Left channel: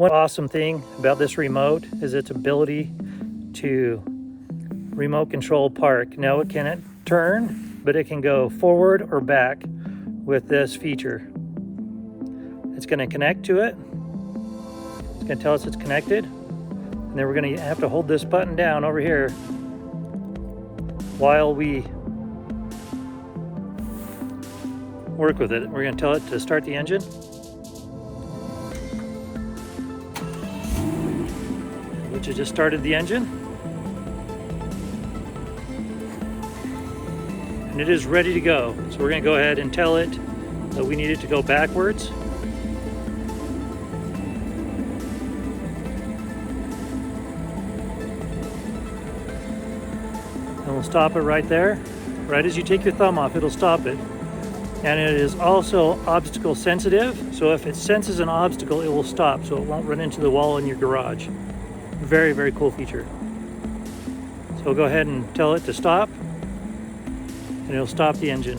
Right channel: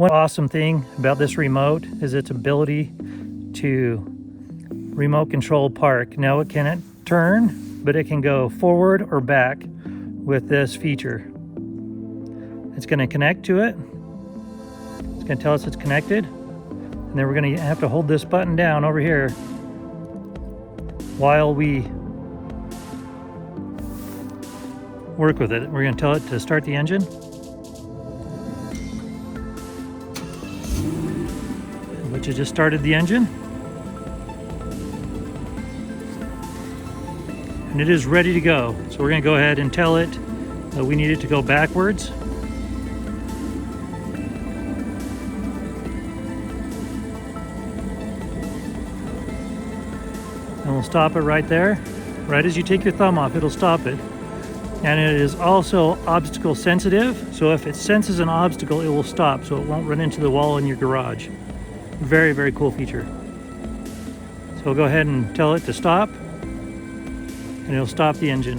One awesome thing about this remote is its ability to remote control park. Now it cannot turn, but it can go forward or back with this feature. It's going to connect to it. It's going to tell us it's connected. And then we're going to have to hold this button down over here while we work with it. We're going to tell it to start the engine. Which has just started the engine. And it is ready to go. So we're going to go ahead and tell it that we need it to go backwards. And we'll stop it right there. Right as you take your thumb off, it'll stop it. And it is also obstacle sensitive. So if it senses an obstacle, it will stop so it won't run into the wall in your garage. Very, very cool feature. So we'll go ahead and tell it to stop, and it'll stop the engine.